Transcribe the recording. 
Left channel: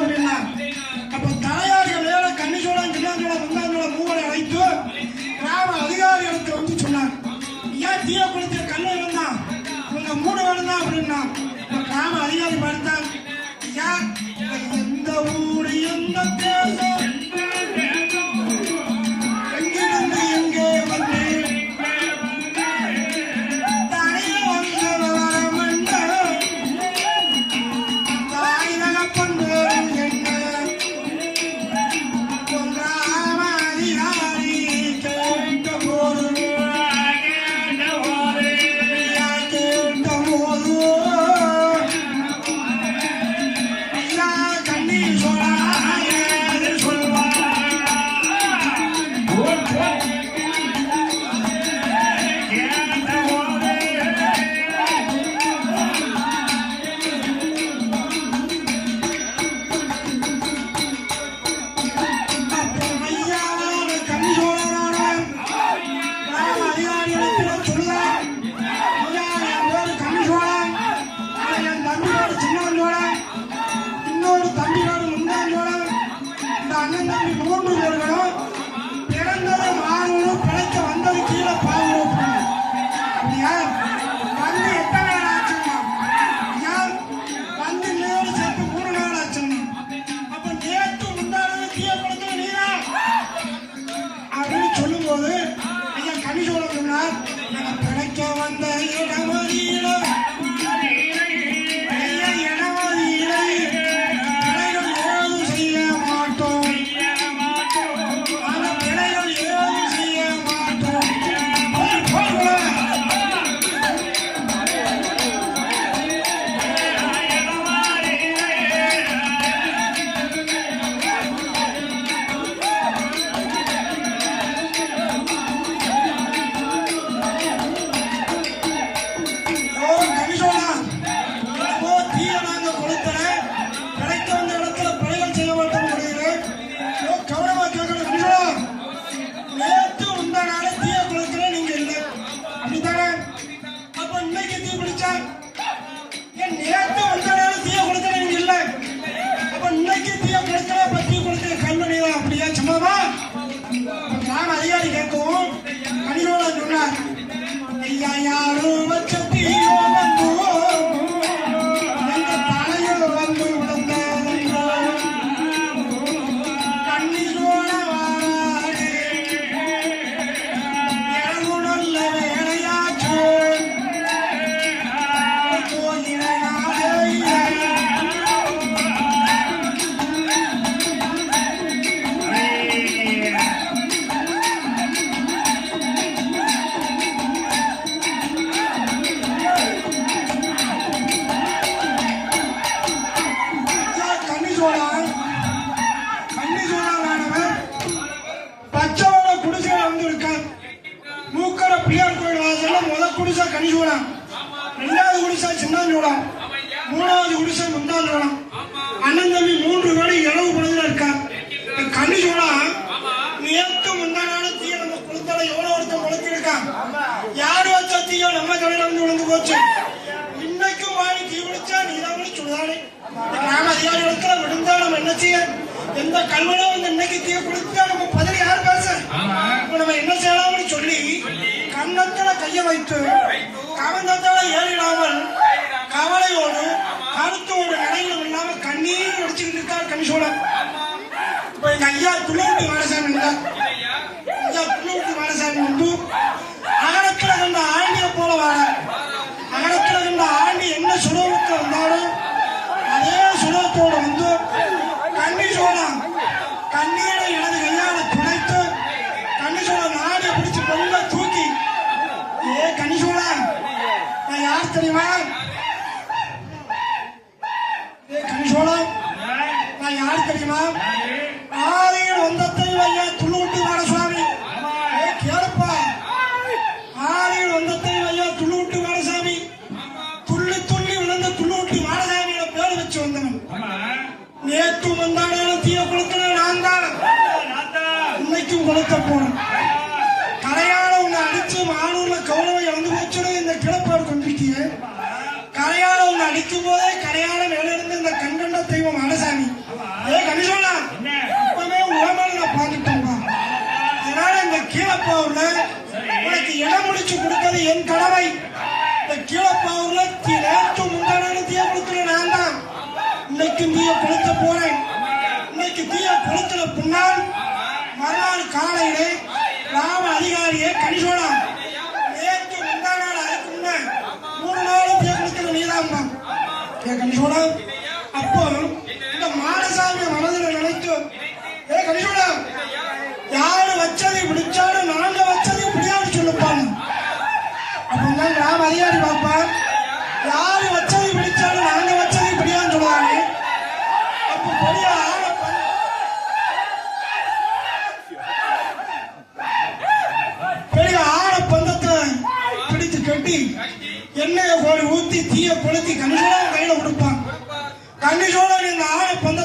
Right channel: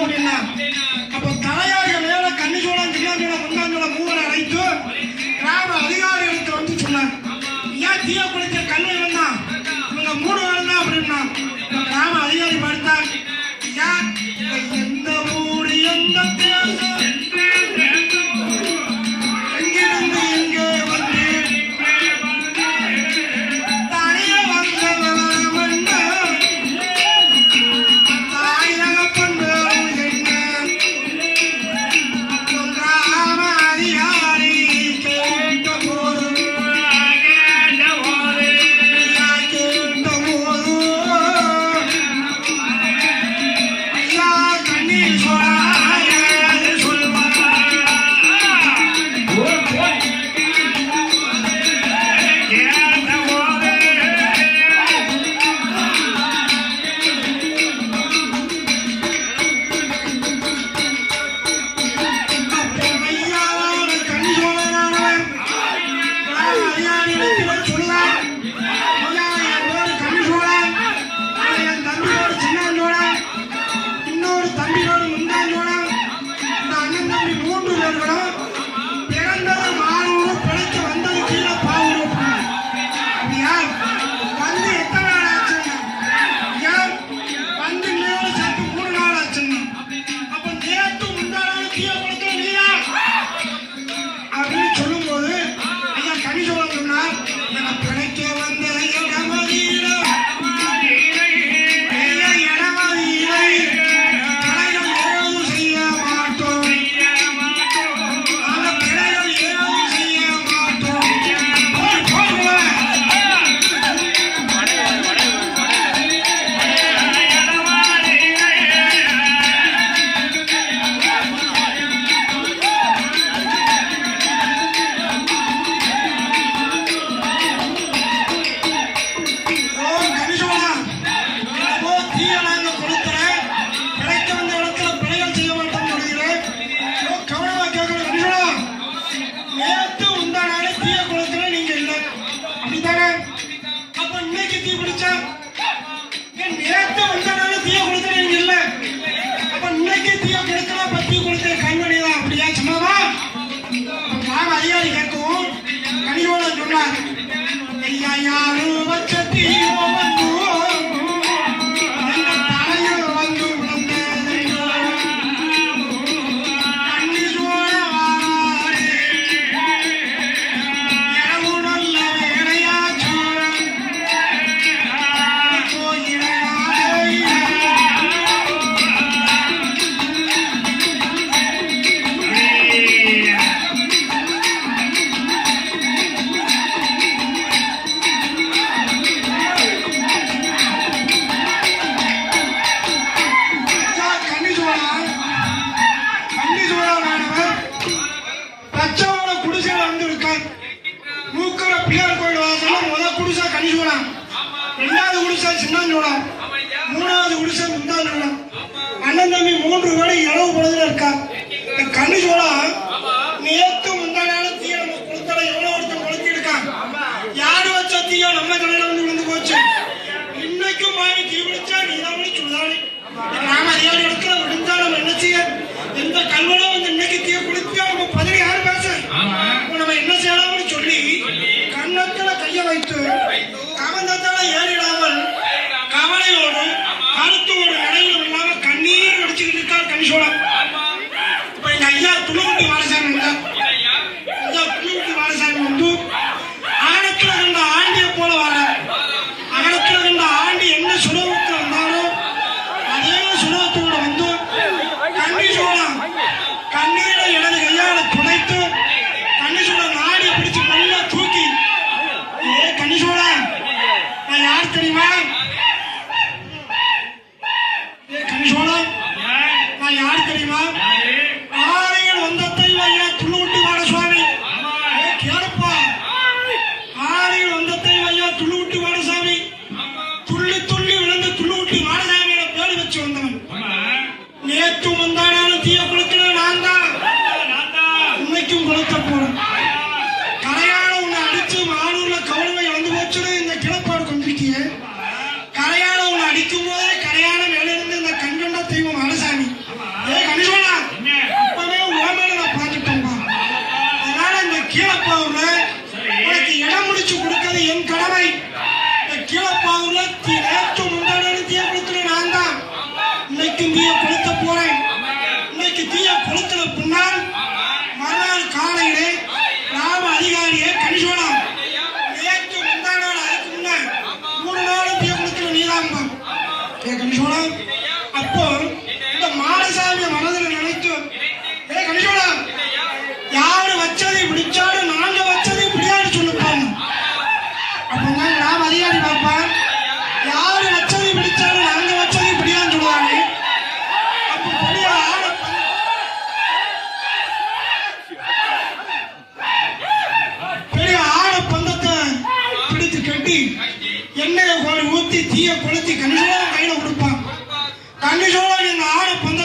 அப்படின்னா அப்போ தலையாக மேல கன்னிசோழன் சின்னாஞ்சோழன் முன்னாஞ்சோழன் மூவரை அழைத்து கிராம அதிகாரிகளுக்கு வந்து சொன்னார். ஏன் தீய குளிச்ச கண்ணை இருந்தான் உங்க 3 பேரும் தான் அப்படின்னா கிராம அதிகாரி படித்தார். எந்த ஊரு எந்த தேசம் எங்கிருந்து இங்கே வந்து தனிய வந்தவரம் தாயிலக கொண்டு என்ன கிராம அதிகாரி கேட்ட போது அதிகாரி கேட்கவும் கனியோட சொன்னார். ஐயா யாரும் பட்சத்தி பிள்ளையார் கோயில் வாசல்ல முதல் குடிசை கனிசோழன், 2வது குடிசை சின்னாஞ்சோழன், 3வது குடிசை முந்தாஞ்சோழன். அண்ணன் தம்பி 3 பேரும் இளவு படத்துல இருக்கார். கனிசோழன் நேற்று முந்தான தீய குளத்துல எவ்வளவு ஒருத்தன் குளத்தி இருக்கான். யார் வச்ச தீயோ நம்ம கடையில வந்து விழுந்து போச்சு. இன்னைக்கும் வாங்கி தீ பிடிச்சா நீதான் சுதானே நாம அதிகாரி இடத்துல விழுந்தா நம்ம என்ன செய்ய? எந்த கல்வனோ இன்னைக்கு தீ பிடிச்சா நம்ம பதவி யாரு பேச? நம்ம என்ன செய்யலாம்னு சொல்லி கண்ணத்துல கைய வைத்து கவனத்துல ஏறிடாமல் கவலையோடு கருத்தோடு நடைமுறை இல்லாம கண்ணீர் வடிச்சுக்கிட்டு இருக்கார் கனிசோழன். இப்ப எங்க ஐயா துளவுட்டி வாரசாமி ஐயா துளவுட்டி வாரசாமி வந்து அகலத்துல கண்ட ஆண்டிய போல வார அகலத்துல கண்ட ஆண்டி என்ன சுலபத்துல வந்தாலும் அதே சுலபத்தோடு வந்து கனிசோழன் கண்ணீரை எனது கையால துடைத்து கனிசோழன் ஆடிய பிடிச்சு கொள்ள தூக்கி கனிசோழன் நான் யார் தெரியுமா? கனிசோழன் நான் யார் தெரியுமா? ஆலையில் வந்தத்தை ஐயா துள்ளுவிட்டு வாட சுவாமி கேளுப்பா. ஆலையில் வந்தத்தை ஐயா துள்ளுவிட்டு வாட சாமி துள்ளி துள்ளி விழுந்து துள்ளுவிட்டு வாடசாமியோட பேரு வச்சு வந்தவன். நேற்று முந்தானாலும் தீய கொடுத்தன நான் தான், இன்னைக்கும் கொடுத்த போறேன். கரையால உன்னை அடிச்சு மானூர்ல கௌரவ இழந்து போச்சுன்னு இந்த கிளப்பேர் கொண்டிருக்கீங்க. கரையால உன்னை அடிக்கும் போதே கரையால மேலிருந்து இந்த கண்கண்ட தெய்வம் அடசாமி பிடிச்சு கொடுக்கிறது என் கடமை. கீழப்பாவூர்ல நேற்று முன்னாடி தீய கொடுத்துட்டு நான் தான் இன்னைக்கும் தீய கொளுத்த போறேன். இன்னைக்கு தீய கொளுத்துற பின்னால் மறுநாள் காலையிலே கிராம அதிகாரியை கணிசோலாம் நேற்று முந்தான அதுக்கு முன்ன 3 நாள் தீய கொடுத்துற நீதாம்பா கணிசோலாம். அப்போ இந்த மாடசாமி மனதில் நினைத்து கணிசோலாம் யாரு வச்சதை பிடிச்சாலும் நாங்க வச்சதை பிடியான்னு சொல்லுப்பாங்க. அப்பதான் கிராம அதிகாரி பார்ப்பார் யாரு வச்சதை பிடிச்சாலும் நாங்க வச்சதை பிடியான்னு சொல்லுவாங்க. அப்ப பெரிய ஆட பந்தத்தை பிடித்து கட்டி எண்ணெயை கோழி ஊத்தி தீய கொளுத்தி கணிசோழன் கையில கொடுப்பான். கணிசோழன் இந்த ஆட பந்த